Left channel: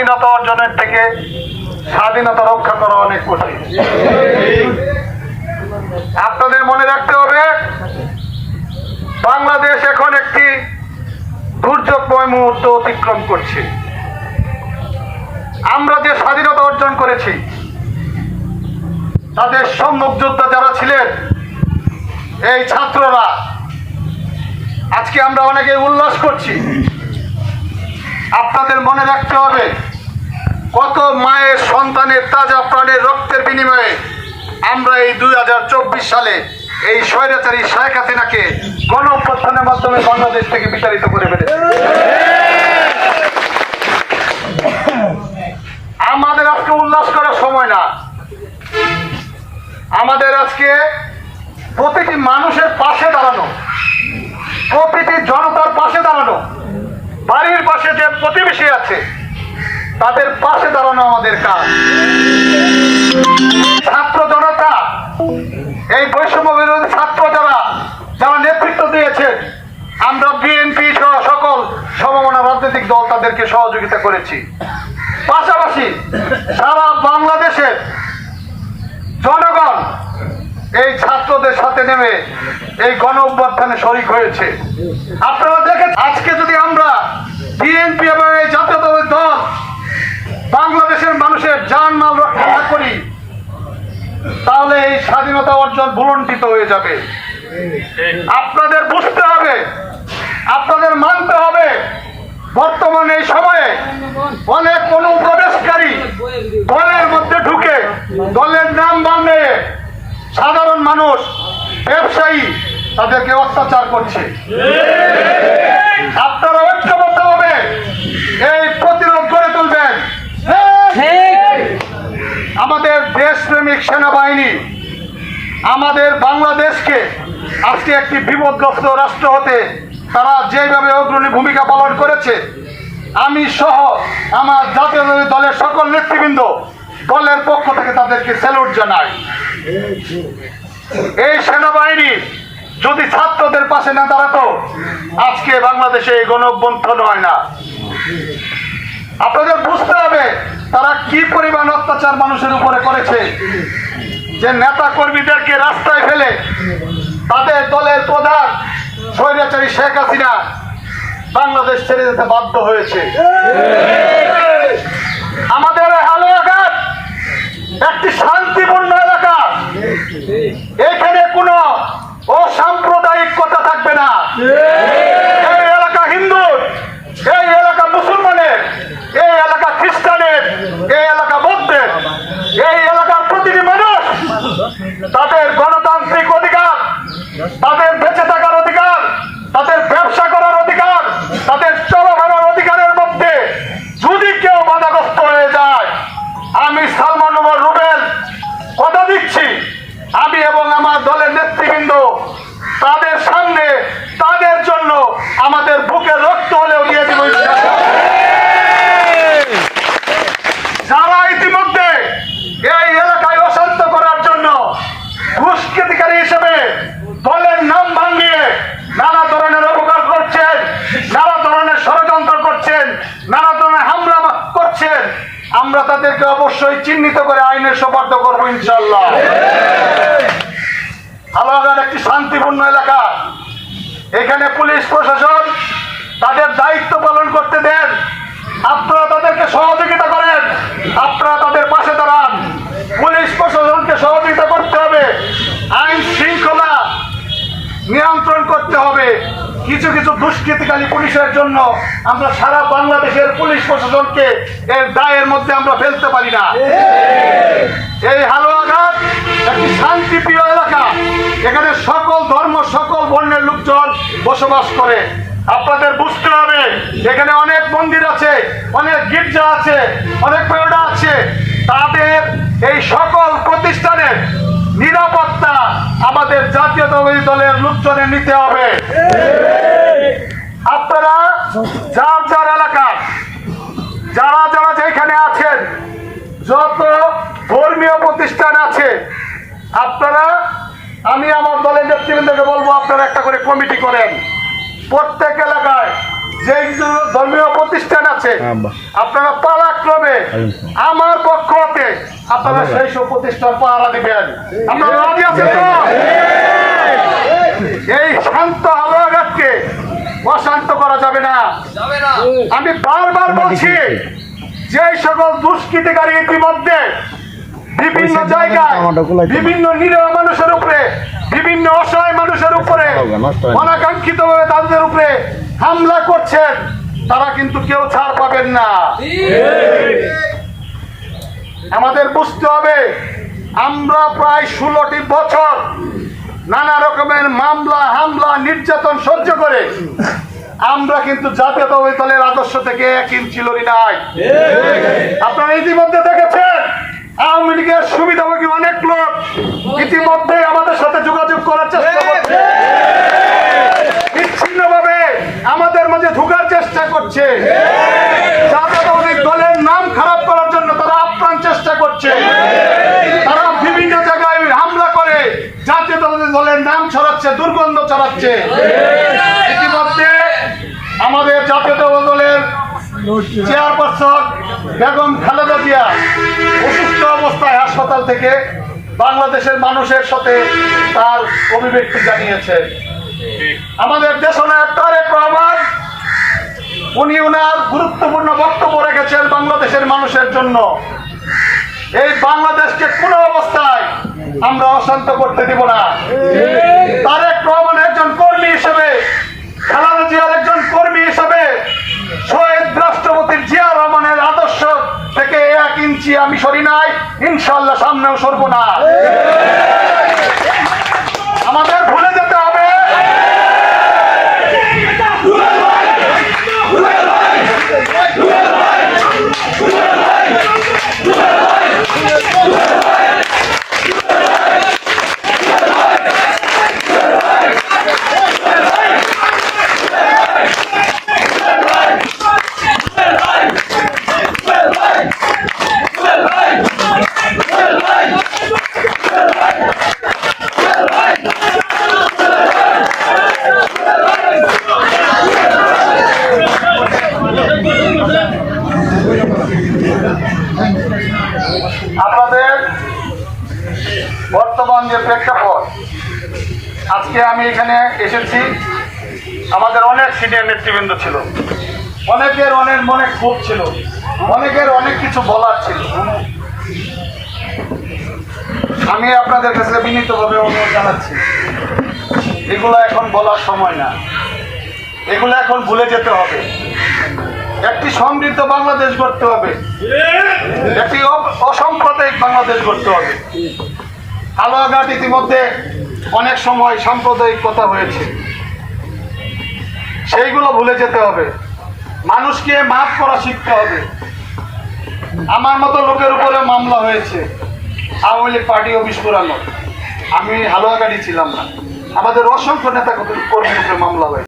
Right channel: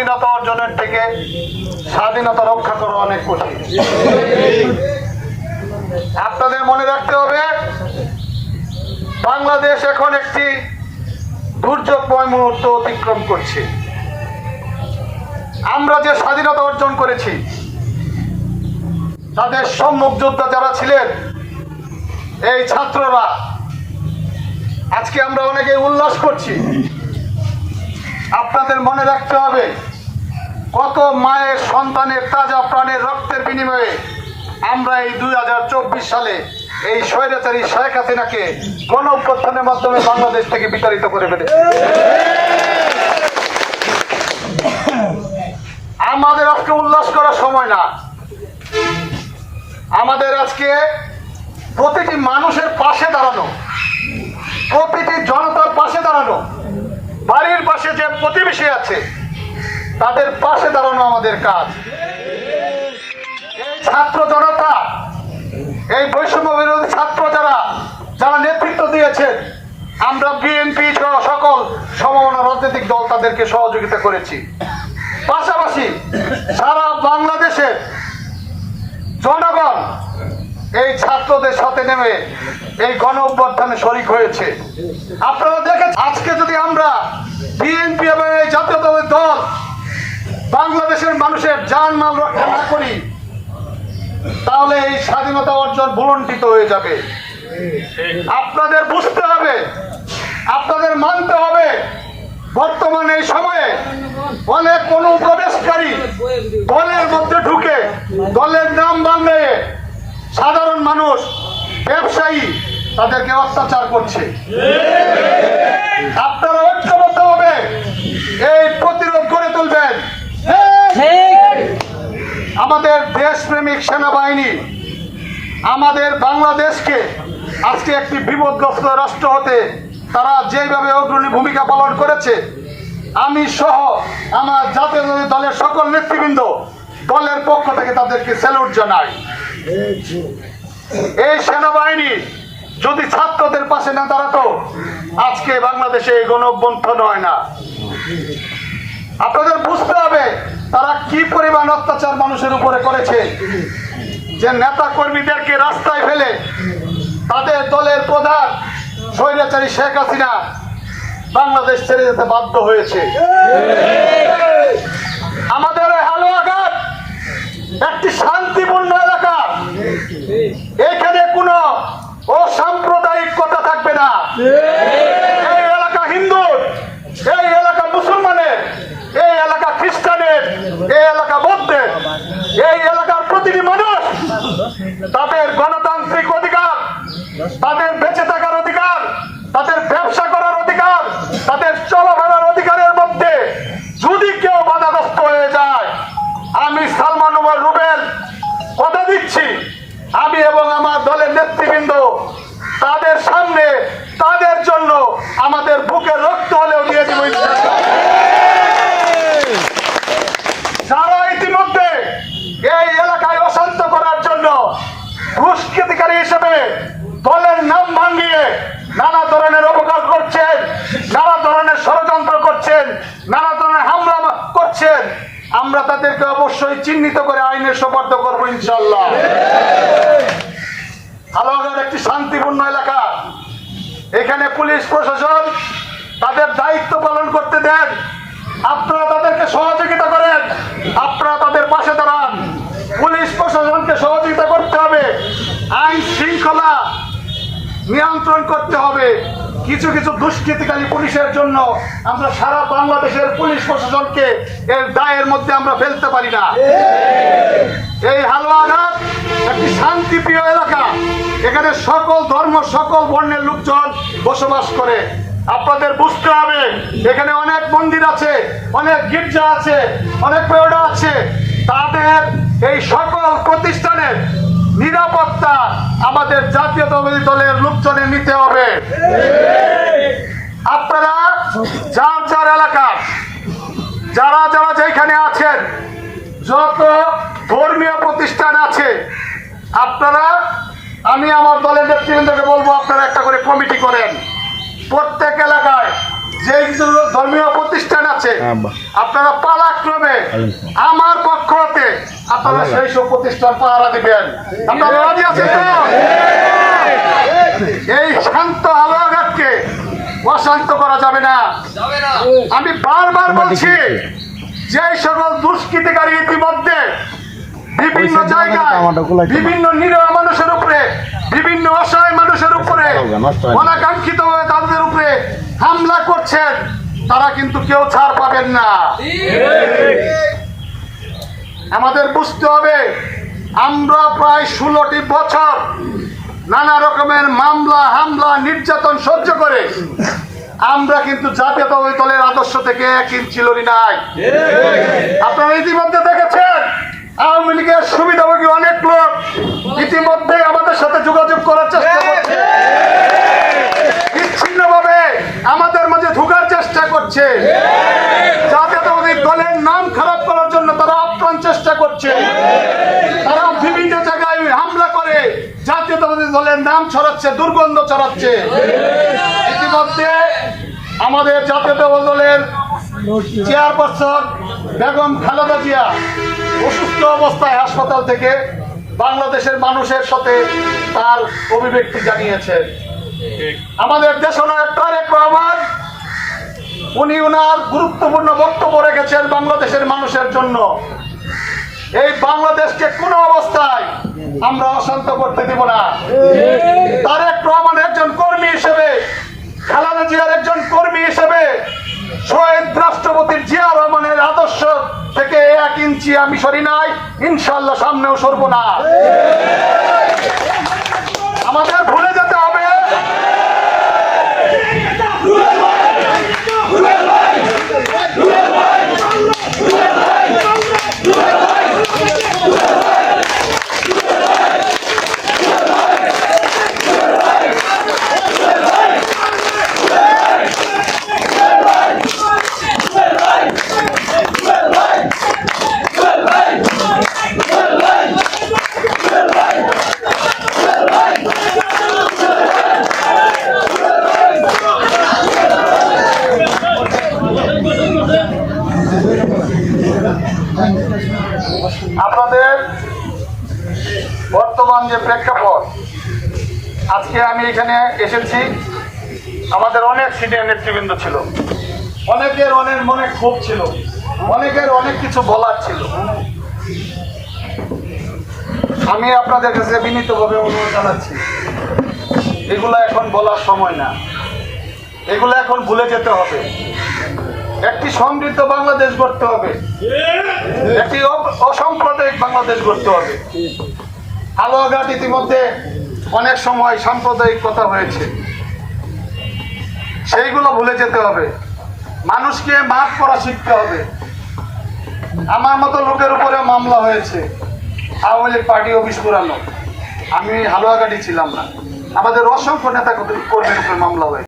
স্বাধীনতা অর্জনের থেকে স্বাধীনতা রক্ষা করা অনেক কঠিন। আপনাদের মনে রাখতে হবে, বাংলাদেশ এখন একটি দুর্যোগময় মুহূর্ত অতিক্রম করছে। আমরা যে স্বাধীনতা অর্জন করেছি, তাদের সম্মুখ যোদ্ধা যারা ছিলেন এই ছাত্ররা, আজকে আমরা অনেকে উল্লাস করছি। আপনাদের মনে রাখতে হবে, কত মায়ের সন্তানের তাজা প্রাণের রক্তের বিনিময়ে আমরা এই 2024 সালে এই স্বৈরাচারী শেখ হাসিনাকে গণঅভ্যুত্থানের মাধ্যমে বাংলাদেশ থেকে বিতাড়িত করে ফেলেছি। আমাদের আজকে উল্লাস করার সময় না, আমাদের আজকে প্রতিটি মানুষের পাশে দাঁড়ানো, প্রতিটি জনতার পাশে দাঁড়ানো, বাড়ির পাশে যে প্রতিবেশী আছে তাদের পাশে দাঁড়ানো আমাদের কাজ। ছাত্র জনতা, এই বৈষম্য বিরোধী ছাত্র যারা নেতৃত্ব দিয়েছেন, আমরা বিএনপি সহ সকল সমমনা রাজনৈতিক দল তাদেরকে সহযোগিতা করেছি। পাশাপাশি সারা বাংলাদেশের জনগণ এই ছাত্রদের সাথে নেমে এই গণ অভ্যুত্থানে শরিক হয়েছে। আপনারা দেখেন, আজকে যদি আমরা বিএনপি এবং এই জাতীয়তাবাদী দল বাংলাদেশের মানুষের জানমাল রক্ষা না করি, তাহলে এই স্বাধীনতা অর্জন ভুলণ্ঠিত হয়ে যাবে। আপনাদের বুঝতে হবে, আপনাদের মানতে হবে, বর্তমানে এই সময়ে অনেক অনুপ্রবেশকারী দলের মধ্যে ঢুকে দলের নাম বানিয়ে সাধারণ মানুষ, ব্যবসায়ী তাদেরকে অত্যাচার করছে। আপনারা ঐক্যবদ্ধ হবে এই প্রতিরোধ গড়ে তুলবেন। আমাদের দেশপ্রেমিক সেনাবাহিনী আমাদের বাংলাদেশকে আজকে একটি বিপদগ্রস্ত রাষ্ট্র হতে তারা যেভাবে অগ্রণী ভূমিকা পালন করেছে, আমি সহ আমার জাতীয় দলের সকল নেতৃবৃন্দ দলের পক্ষ থেকে তাদেরকে স্যালুট জানাই। এই সেনাবাহিনী যদি ছাত্রদের পাশে না দাঁড়াতো, আজকে বাংলাদেশে এই গণঅভ্যুত্থান হয় না। আপনাদের বুঝতে হবে তারা কি পরিমাণ অত্যাচার মানুষের উপরে করেছে, যে নেতা কর্মীদেরকে রাস্তায় ফেলে তাদের দলের প্রধান স্বৈরাচারী শেখ হাসিনা বাংলাদেশ ছেড়ে যেতে বাধ্য হয়েছে। আমাদের হালুয়াঘাট একটি শান্তিপূর্ণ এলাকা, এখানে কোনো অসাম্প্রদায়িক কথা থাকবে না। এই এলাকা হিন্দুর, এই এলাকা মুসলমানের, এই এলাকা খ্রিস্টানের, এই এলাকা বৌদ্ধের, এই এলাকার প্রতিটি মানুষ তাদের গণতান্ত্রিক অধিকার, তাদের বেঁচে থাকার অধিকার, তাদের ব্যবসা করার অধিকার, তাদের চলাফেরার অধিকারের মধ্যে যদি কেউ বাধাগ্রস্ত হয়ে যায়, আমি সালমান ওমর রুবেল কথা দিচ্ছি, আমি এবং আমার দলের নেতৃবৃন্দ তাদের সামনে তাদের জন্য আমাদের বুকের রক্ত হলেও দিয়ে দিব। যারা ইতিমধ্যে এই এলাকায় অশান্ত করার জন্য দুষ্কৃতিকারী হিসেবে দলের নাম ভাঙিয়ে নানা ধরনের অপকার করছেন, নানা ধরনের ষড়যন্ত্র করছেন, নানা ধরনের হামলা করছেন, আমরা তাদেরকে অবশ্যই চিহ্নিত করে আইনের সোপর্দ করবো ইনশাআল্লাহ। হালুয়াঘাট একটি শান্তিপূর্ণ এলাকা, এখানে পুলিশ প্রশাসন তাদের দায়িত্ব পালন করতে দেন। আপনারা তাদেরকে সহযোগিতা করেন, আপনারা তাদের পাশে দাঁড়ান। পুলিশ প্রশাসনকে সহযোগিতা করতে হবে, আইন শৃঙ্খলা নিয়ন্ত্রণ করতে হবে। কিছু কিছু দুষ্কৃতিকারী পুলিশের জন্য আমরা সারা বাংলাদেশের পুলিশ প্রশাসনকে এর দায়ের মধ্যে আমরা ফেলতে পারি না। এই হালুয়াঘাট একটি শান্তিপ্রিয় এলাকা, এখানে সকল ধর্ম, সকল বর্ণের লোকজন বসবাস করে। আপনাদের বুঝতে হবে, এখানে অনেক মন্দির আছে, অনেক গির্জা আছে, অনেক পেওড়া আছে। তাদের এই সকল প্রতিষ্ঠানের নিরাপত্তা আমাদের জাতীয়তাবাদী দলের লোকজনের নিতে হবে। আপনারা যার যার এলাকার যারা যারা যেখানে আছেন, যত ধর্মীয় প্রতিষ্ঠান আছে, আপনারা, আমি আমার দলের নেতৃবৃন্দকে বলবো, আপনারা একটা করে কমিটি করেন। প্রত্যেক এলাকায় যে ধর্মীয় প্রতিষ্ঠান আছে আপনারা পালাক্রমে আমার পক্ষ হতে আপনারা সেই সব প্রতিষ্ঠান পাহারা দিবেন। আপনারা রাজি আছেন তো? এই শান্ত হালুয়াঘাটকে অশান্ত করা যাবে না। আমি বারবার বলছি, যে সকল দুষ্কৃতিকারী ইতিমধ্যে বিভিন্ন জায়গায় বিভিন্ন নিরীহ মানুষের উপরে, বিভিন্ন অসহায় মানুষের উপরে অনাকাঙ্ক্ষিত ভাবে তাদের উপরে হামলা করছেন, তারা কিন্তু কেউ ছাড় পাবেন না। আমাদের বুঝতে হবে, আমরা প্রায় 16টি বছর নানা রকমের মামলা হামলা নির্যাতন সহ্য করে আমরা কিন্তু জাতীয়তাবাদী দলের আদর্শ থেকে 1 ইঞ্চি লড়ি নাই। আপনারা ইতিমধ্যে দেখেছেন আওয়ামী লীগের সুবিধাভোগী অনেক লোক ইতিমধ্যে আমাদের সাথে যোগাযোগ করার চেষ্টা করছে, বিচ্ছিন্নভাবে আমাদের মাঝে ঢোকার চেষ্টা করছে, জাতীয়তাবাদী দলের নাম খারাপ করার জন্য তারা আপ্রাণ চেষ্টা করছে। তারা বিভিন্ন জায়গায় হামলা করে জাতীয়তাবাদী দলের নাম ছড়াচ্ছে, দুর্গন্ধ ছড়াচ্ছে। ইতিমধ্যে আমাদের জাতীয়তাবাদী দলের চেয়ারপারসন বেগম খালেদা জিয়া অসুস্থ অবস্থায় হাসপাতাল থেকে বাংলাদেশের মানুষের সাথে তার অভিব্যক্তি জানিয়েছেন। আমাদের দেশনায়ক তারেক রহমান উনি ওনার গুরুত্বপূর্ণ বক্তব্য রেখেছেন বাংলাদেশের মানুষের জন্য। এই বাংলাদেশকে কোনো অবস্থায় আমরা অশান্ত করতে দিব না। তারেক রহমান একজন কর্মী হিসেবে, খালেদা জিয়ার একজন কর্মী হিসেবে শহীদ রাষ্ট্রপতি জিয়া রহমানের আদর্শ থেকে 1 ইঞ্চি আমি সরি নাই, ইনশাআল্লাহ সামনেও সরব না। আমাদের ভুলে যেতে হবে আপনাদের বর্তমান যে প্রেক্ষাপট, আজকে আমি এখানে এসেছি, আমাদের অনেক সিনিয়র নেতৃবৃন্দ ছিল, অনেকের অনেক মনে ক্ষোভ ছিল, অনেকের অনেক কিছু বলার ছিল। আমি আপনাদের কাছে বিনীতভাবে অনুরোধ জানাচ্ছি, এগুলো এখন বলার সময় না, এগুলো এখন ভুলে যেতে হবে। একটি সমৃদ্ধ বাংলাদেশ গড়তে হবে, একটি অসাম্প্রদায়িক বাংলাদেশ গড়তে হবে। হালুয়াঘাট ইতিমধ্যে অনেক সময় সাম্প্রদায়িক কথা হয়েছে, সেইগুলো ভুলে যেতে হবে। মানুষকে মাফ করা শিখতে হবে। আমার মতো লোকের উপরে মামলা হয়েছে, আওয়ামী লীগ পার্টি অফিস পুরানো, আমি হালুয়াঘাটই ছিলাম না, আমাদের অসংখ্য নেতা কর্মীর উপরে মামলা হয়েছে।